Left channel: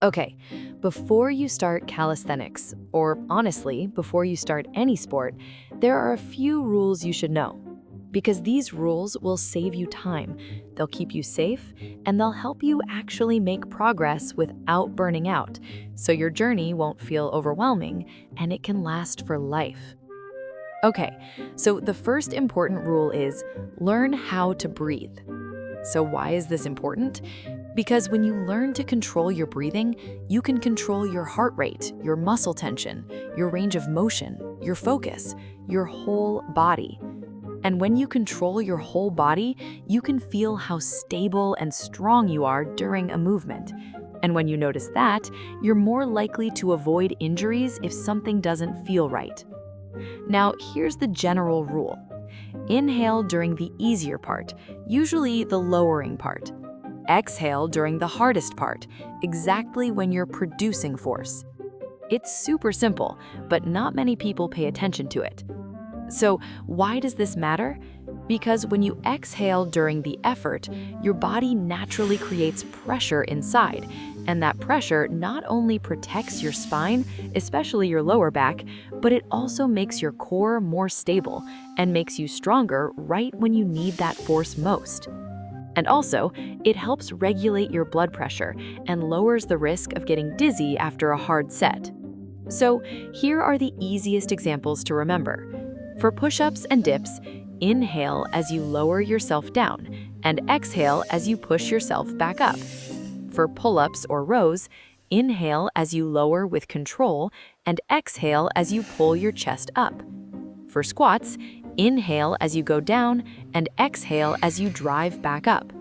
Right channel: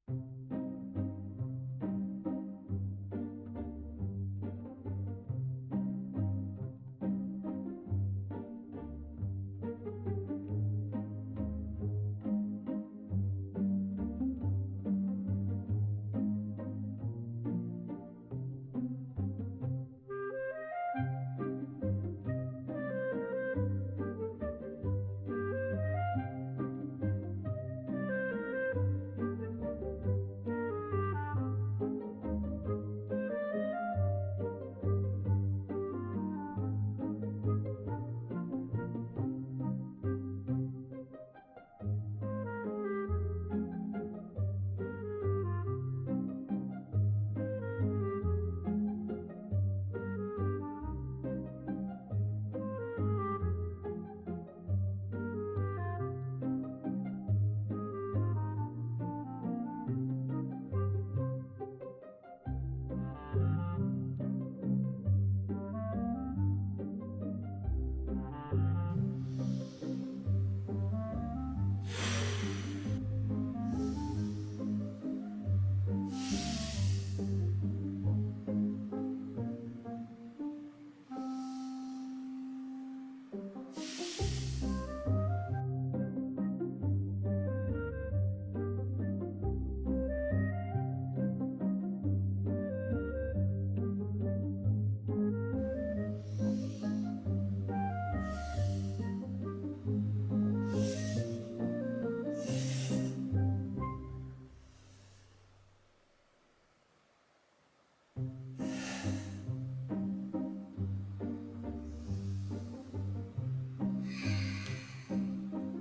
Okay, before you start calisthenics, or honestly, before you start any sport, there are a few rules you should know. Because these rules will save you time, they'll keep you safe, and they'll help you actually make progress without burning out, so your journey won't feel overwhelming and it can last for life. Okay, so the first important rule is learn how to breathe. So, why is this important? Because when you learn to control your breathing, you can control your heart rate, your muscle tension, your range of motion, your focus, your whole body. And when you control your whole body, you can feel how stable and strong you are during a movement. And when you notice that, you're more likely to avoid injuries if something doesn't feel right. Now, here's the general rule. Inhale during the easier part, usually the lowering part. Exhale during the hardest part, exactly when you're producing force. It's super simple, but not many people pay attention to it. So, why does this matter? Because when you exhale during the effort, your body naturally creates pressure inside, and that pressure not only protects your spine, especially your lower back, but it also makes your core more stable and makes you stronger right when you need that force most. And also, it helps regulate your blood pressure and lowers the risk of getting dizzy after a hard set. So, here are the easiest examples to remember. For push-ups and dips, inhale as you lower yourself down and exhale as you push yourself back up. For pull-ups or rows, inhale as you lower with control and exhale as you pull your chest up. For squats, inhale as you go down and exhale as you drive back up.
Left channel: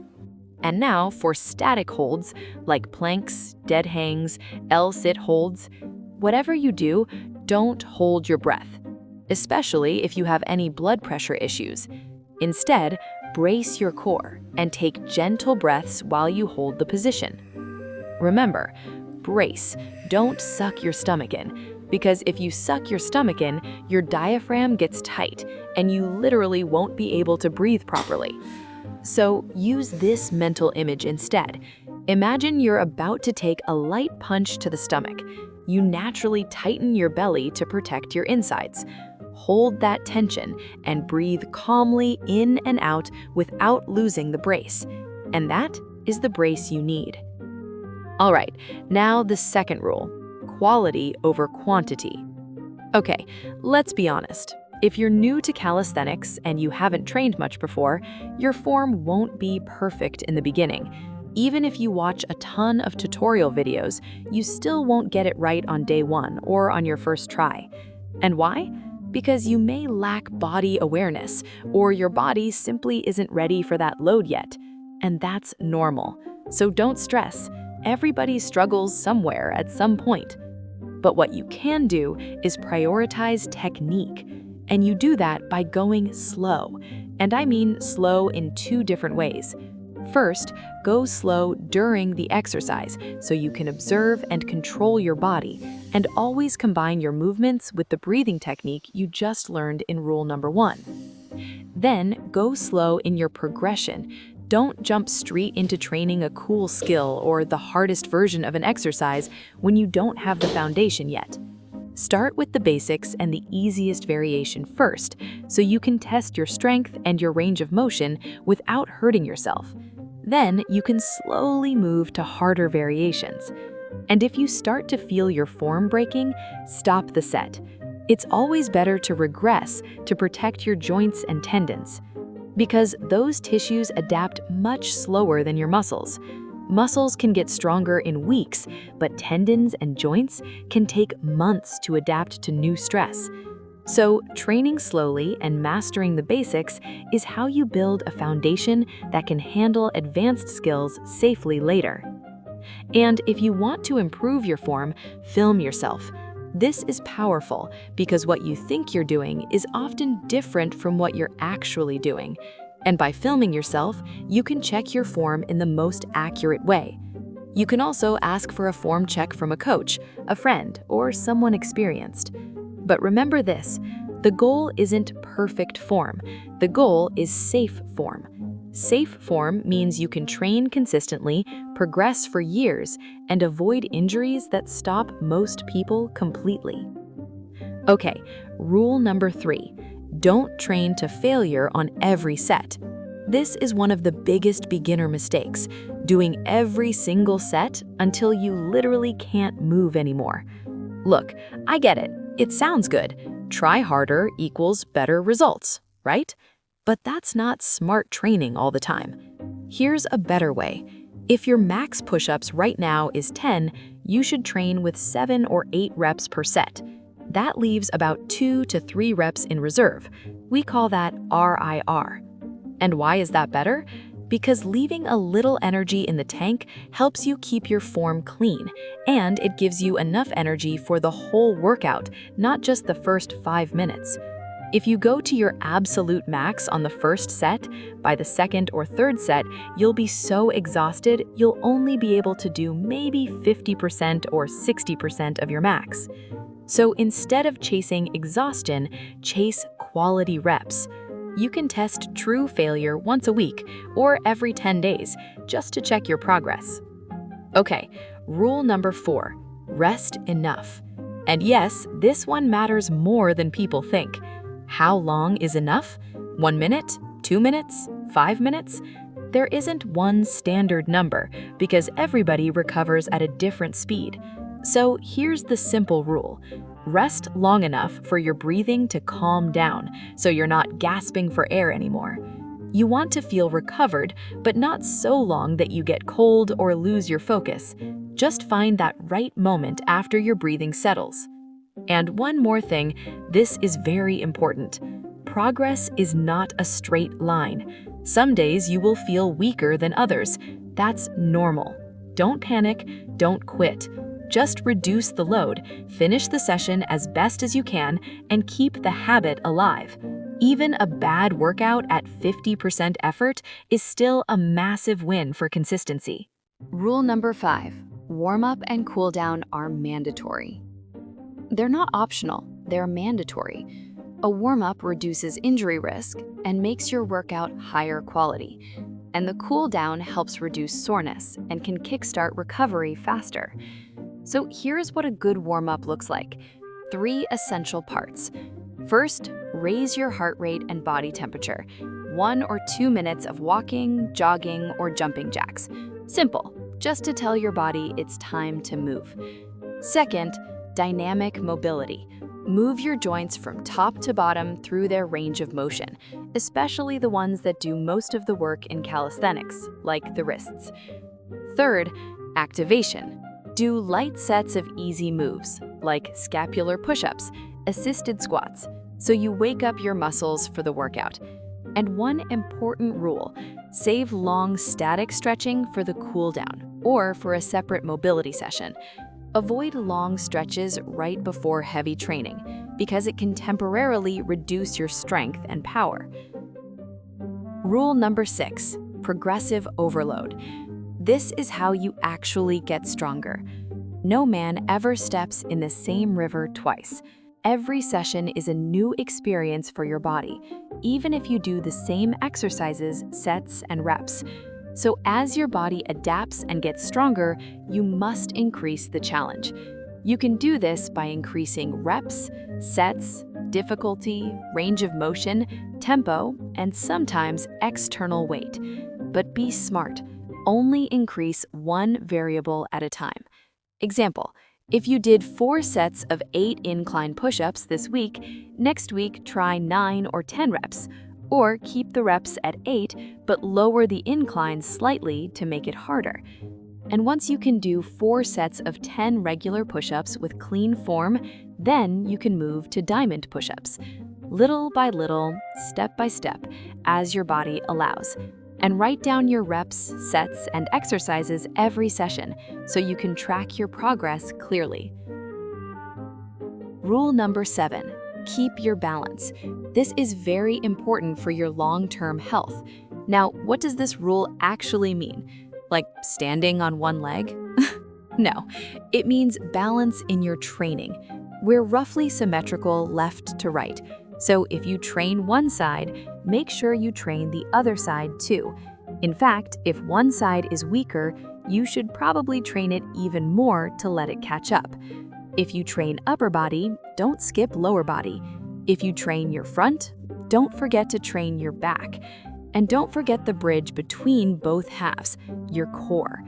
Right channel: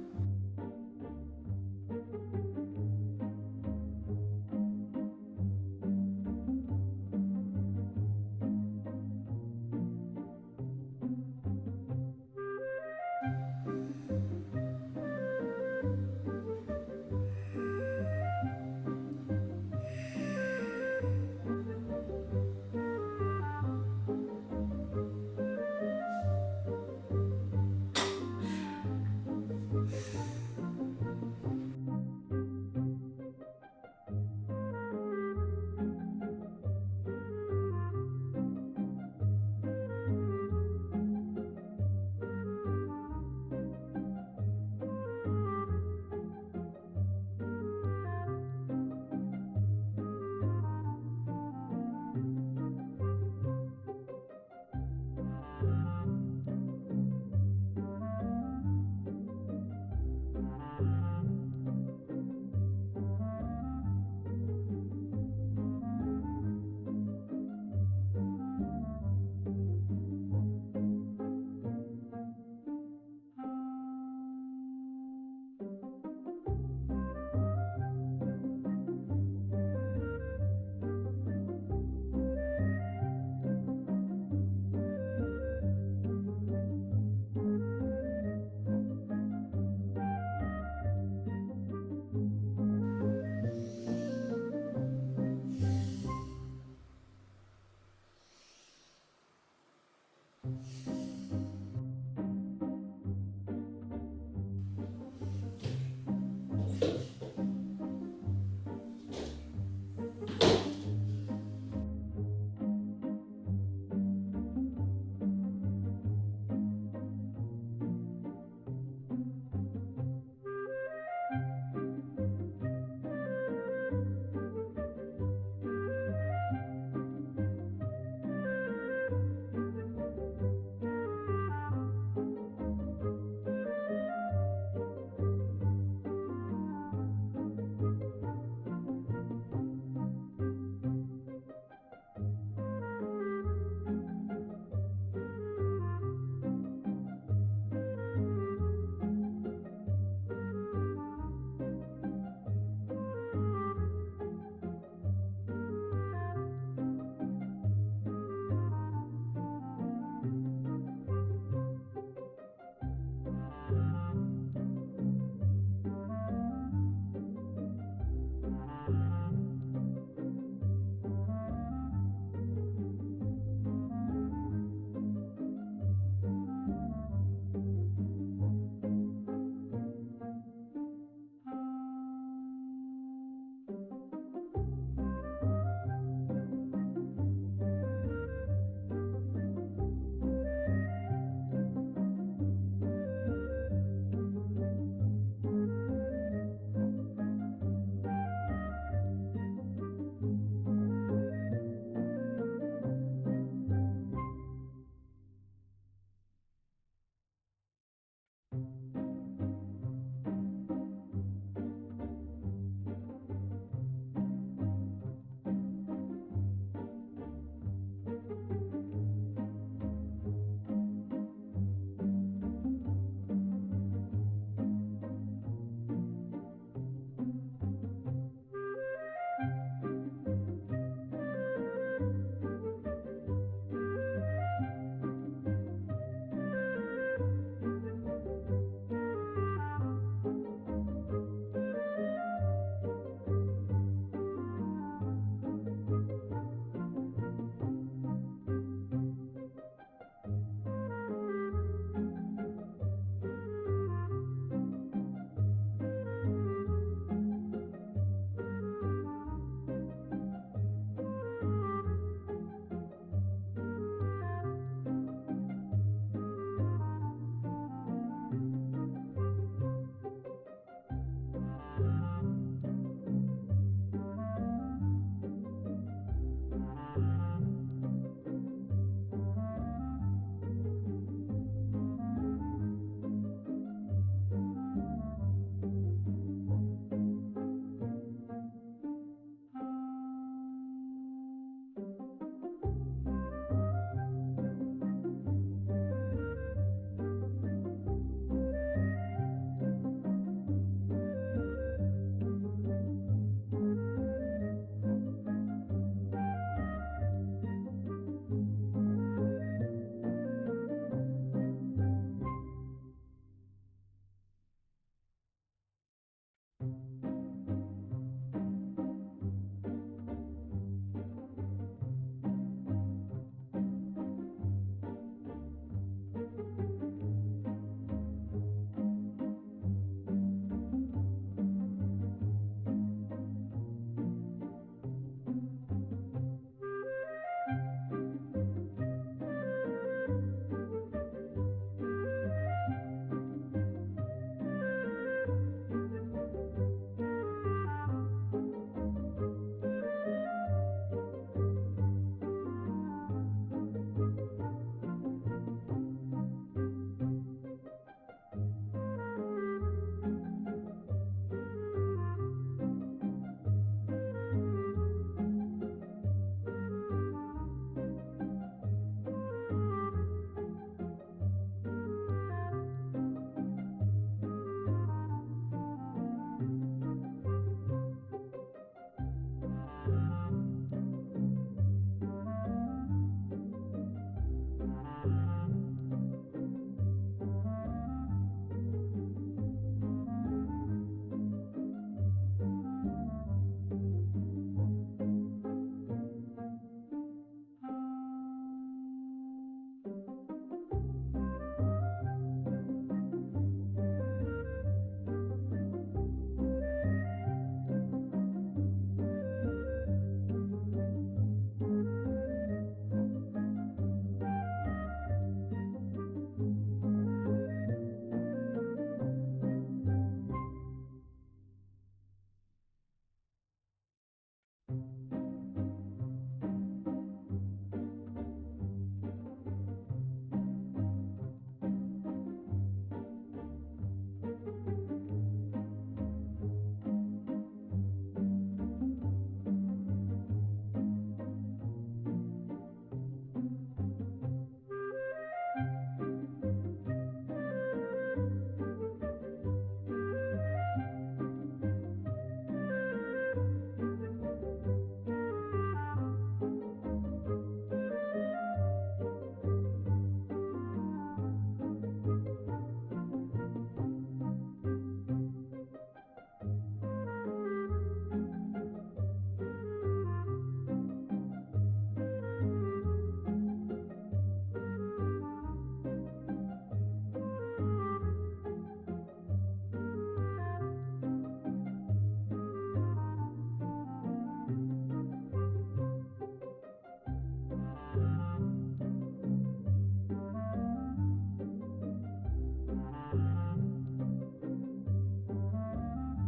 And now for static holds like planks, dead hangs, L-sit holds, whatever you do, don't hold your breath, especially if you have any blood pressure issues. Instead, brace your core and take gentle breaths while you hold the position. Remember, brace, don't suck your stomach in, because if you suck your stomach in, your diaphragm gets tight and you literally won't be able to breathe properly. So use this mental image instead. Imagine you're about to take a light punch to the stomach. You naturally tighten your belly to protect your insides. Hold that tension and breathe calmly in and out without losing the brace. And that is the brace you need. All right, now the second rule, quality over quantity. Okay, let's be honest. If you're new to calisthenics and you haven't trained much before, your form won't be perfect in the beginning. Even if you watch a ton of tutorial videos, you still won't get it right on day one or on your first try. And why? Because you may lack body awareness, or your body simply isn't ready for that load yet. And that's normal. So don't stress. Everybody struggles somewhere at some point. But what you can do is prioritize technique. And you do that by going slow. And I mean slow in two different ways. First, go slow during the exercise so you can observe and control your body, and always combine your movements with the breathing technique you just learned in rule number 1. Then, go slow in your progression. Don't jump straight into training a cool skill or the hardest version of an exercise when you don't have the foundation yet. Start with the basics and the easiest variation first, so you can test your strength and your range of motion without hurting yourself. Then you can slowly move to harder variations. And if you start to feel your form breaking, stop the set. It's always better to regress to protect your joints and tendons, because those tissues adapt much slower than your muscles. Muscles can get stronger in weeks, but tendons and joints can take months to adapt to new stress. So, training slowly and mastering the basics is how you build a foundation that can handle advanced skills safely later. And if you want to improve your form, film yourself. This is powerful because what you think you're doing is often different from what you're actually doing. And by filming yourself, you can check your form in the most accurate way. You can also ask for a form check from a coach, a friend, or someone experienced. But remember this, the goal isn't perfect form. The goal is safe form. Safe form means you can train consistently, progress for years, and avoid injuries that stop most people completely. Okay, rule number 3. Don't train to failure on every set. This is one of the biggest beginner mistakes, doing every single set until you literally can't move anymore. Look, I get it. It sounds good. Try harder equals better results, right? But that's not smart training all the time. Here's a better way. If your max push-ups right now is 10, you should train with 7 or 8 reps per set. That leaves about 2 to 3 reps in reserve. We call that RIR. And why is that better? Because leaving a little energy in the tank helps you keep your form clean, and it gives you enough energy for the whole workout, not just the first 5 minutes. If you go to your absolute max on the first set, by the second or third set, you'll be so exhausted you'll only be able to do maybe 50% or 60% of your max. So instead of chasing exhaustion, chase quality reps. You can test true failure once a week or every 10 days just to check your progress. Okay, rule number 4, rest enough. And yes, this one matters more than people think. How long is enough? 1 minute? 2 minutes? 5 minutes? There isn't one standard number because everybody recovers at a different speed. So here's the simple rule. Rest long enough for your breathing to calm down so you're not gasping for air anymore. You want to feel recovered, but not so long that you get cold or lose your focus. Just find that right moment after your breathing settles. And one more thing, this is very important. Progress is not a straight line. Some days you will feel weaker than others. That's normal. Don't panic, don't quit. Just reduce the load, finish the session as best as you can, and keep the habit alive. Even a bad workout at 50% effort is still a massive win for consistency. Rule number 5, warm-up and cool-down are mandatory. They're not optional, they're mandatory. A warm-up reduces injury risk and makes your workout higher quality. And the cool-down helps reduce soreness and can kickstart recovery faster. So here's what a good warm-up looks like. 3 essential parts. First, raise your heart rate and body temperature. 1 or 2 minutes of walking, jogging, or jumping jacks. Simple, just to tell your body it's time to move. Second, dynamic mobility. Move your joints from top to bottom through their range of motion, especially the ones that do most of the work in calisthenics, like the wrists. Third, activation. Do light sets of easy moves, like scapular push-ups, assisted squats, so you wake up your muscles for the workout. And one important rule, save long static stretching for the cool down or for a separate mobility session. Avoid long stretches right before heavy training because it can temporarily reduce your strength and power. Rule number 6, progressive overload. This is how you actually get stronger. No man ever steps in the same river twice. Every session is a new experience for your body, even if you do the same exercises, sets, and reps. So as your body adapts and gets stronger, you must increase the challenge. You can do this by increasing reps, sets, difficulty, range of motion, tempo, and sometimes external weight. But be smart. Only increase one variable at a time. Example, if you did 4 sets of 8 incline push-ups this week, next week try 9 or 10 reps, or keep the reps at 8 but lower the incline slightly to make it harder. And once you can do 4 sets of 10 regular push-ups with clean form, then you can move to diamond push-ups. Little by little, step by step, as your body allows. And write down your reps, sets, and exercises every session so you can track your progress clearly. Rule number 7, keep your balance. This is very important for your long-term health. Now, what does this rule actually mean? Like standing on one leg? No, it means balance in your training. We're roughly symmetrical left to right. So if you train one side, make sure you train the other side too. In fact, if one side is weaker, you should probably train it even more to let it catch up. If you train upper body, don't skip lower body. If you train your front, don't forget to train your back. And don't forget the bridge between both halves, your core.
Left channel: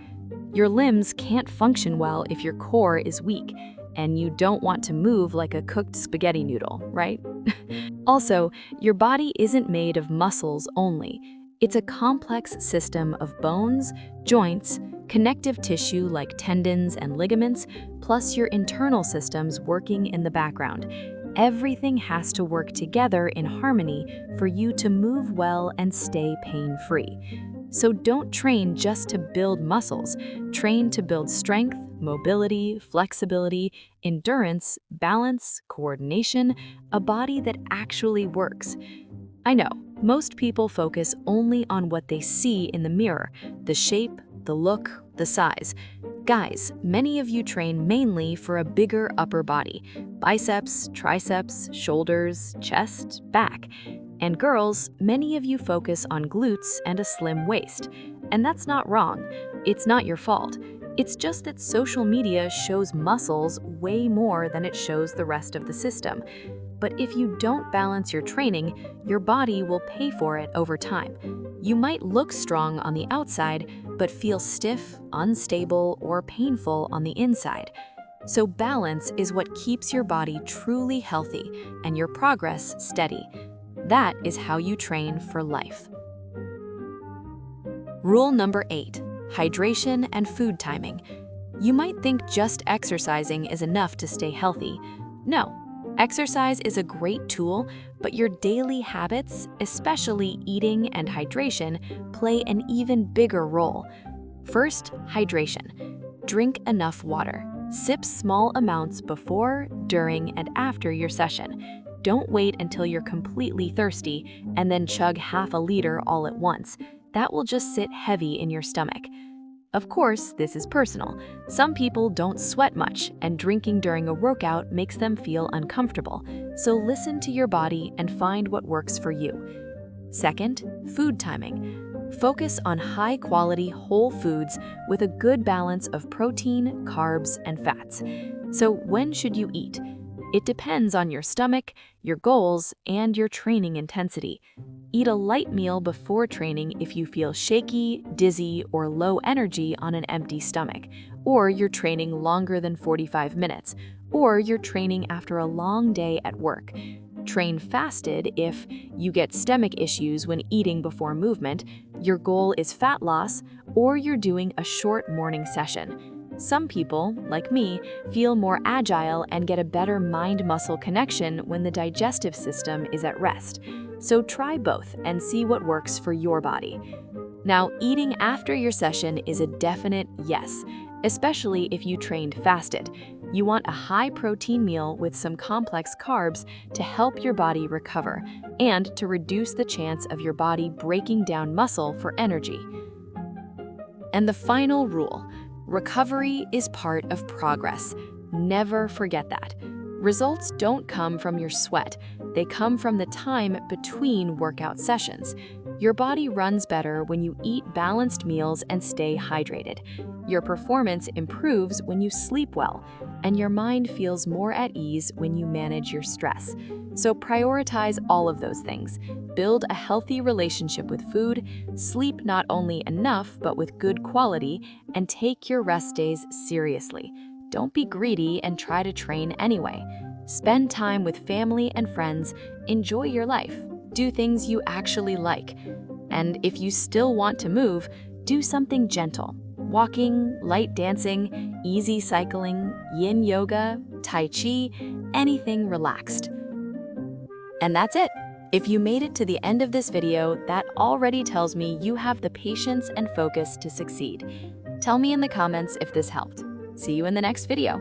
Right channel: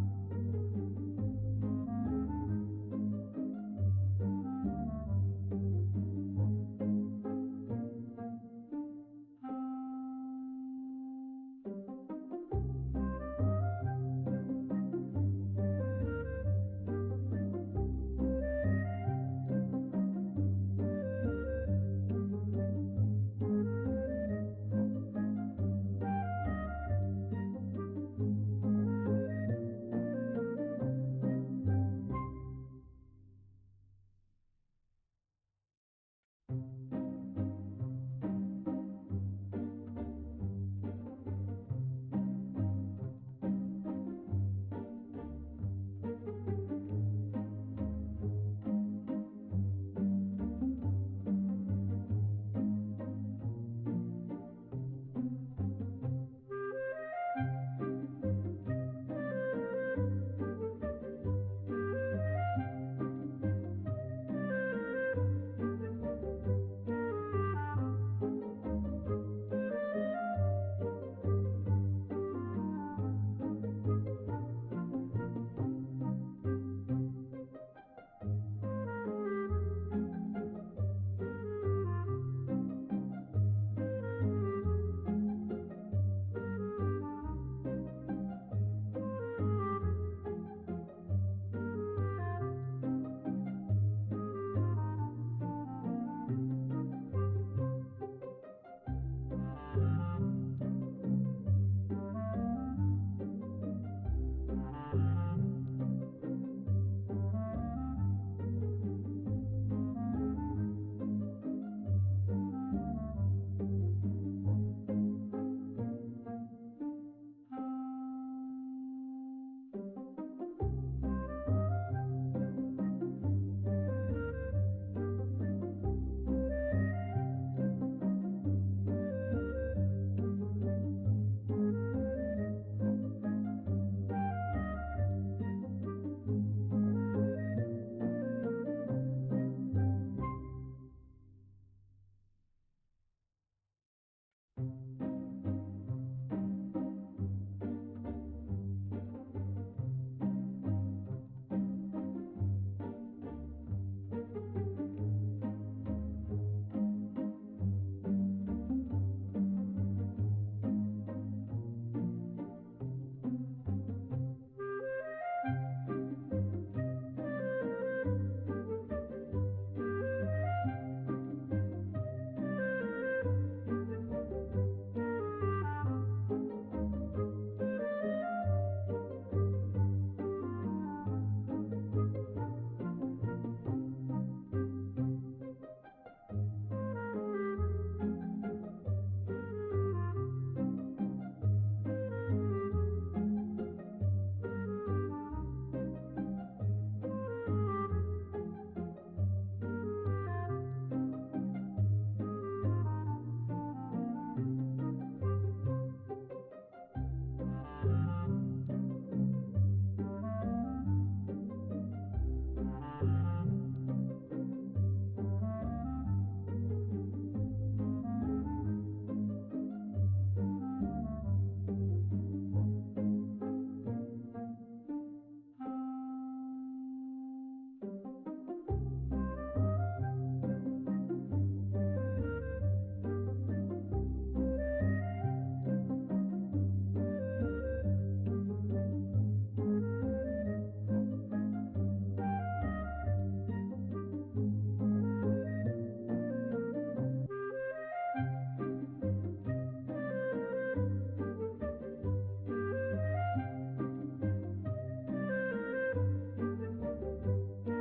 Your limbs can't function well if your core is weak, and you don't want to move like a cooked spaghetti noodle, right? Also, your body isn't made of muscles only. It's a complex system of bones, joints, connective tissue like tendons and ligaments, plus your internal systems working in the background. Everything has to work together in harmony for you to move well and stay pain-free. So don't train just to build muscles. Train to build strength, mobility, flexibility, endurance, balance, coordination, a body that actually works. I know, most people focus only on what they see in the mirror, the shape, the look, the size. Guys, many of you train mainly for a bigger upper body, biceps, triceps, shoulders, chest, back. And girls, many of you focus on glutes and a slim waist. And that's not wrong. It's not your fault. It's just that social media shows muscles way more than it shows the rest of the system. But if you don't balance your training, your body will pay for it over time. You might look strong on the outside, but feel stiff, unstable, or painful on the inside. So balance is what keeps your body truly healthy and your progress steady. That is how you train for life. Rule number 8, hydration and food timing. You might think just exercising is enough to stay healthy. No, exercise is a great tool, but your daily habits, especially eating and hydration, play an even bigger role. First, hydration. Drink enough water. Sip small amounts before, during, and after your session. Don't wait until you're completely thirsty and then chug half a liter all at once. That will just sit heavy in your stomach. Of course, this is personal. Some people don't sweat much, and drinking during a workout makes them feel uncomfortable. So listen to your body and find what works for you. Second, food timing. Focus on high-quality whole foods with a good balance of protein, carbs, and fats. So when should you eat? It depends on your stomach, your goals, and your training intensity. Eat a light meal before training if you feel shaky, dizzy, or low energy on an empty stomach, or you're training longer than 45 minutes, or you're training after a long day at work. Train fasted if you get stomach issues when eating before movement, your goal is fat loss, or you're doing a short morning session. Some people, like me, feel more agile and get a better mind-muscle connection when the digestive system is at rest. So try both and see what works for your body. Now, eating after your session is a definite yes, especially if you trained fasted. You want a high-protein meal with some complex carbs to help your body recover and to reduce the chance of your body breaking down muscle for energy. And the final rule: recovery is part of progress. Never forget that. Results don't come from your sweat. They come from the time between workout sessions. Your body runs better when you eat balanced meals and stay hydrated. Your performance improves when you sleep well, and your mind feels more at ease when you manage your stress. So prioritize all of those things. Build a healthy relationship with food, sleep not only enough but with good quality, and take your rest days seriously. Don't be greedy and try to train anyway. Spend time with family and friends, enjoy your life, do things you actually like. And if you still want to move, do something gentle. Walking, light dancing, easy cycling, yin yoga, tai chi, anything relaxed. And that's it. If you made it to the end of this video, that already tells me you have the patience and focus to succeed. Tell me in the comments if this helped. See you in the next video.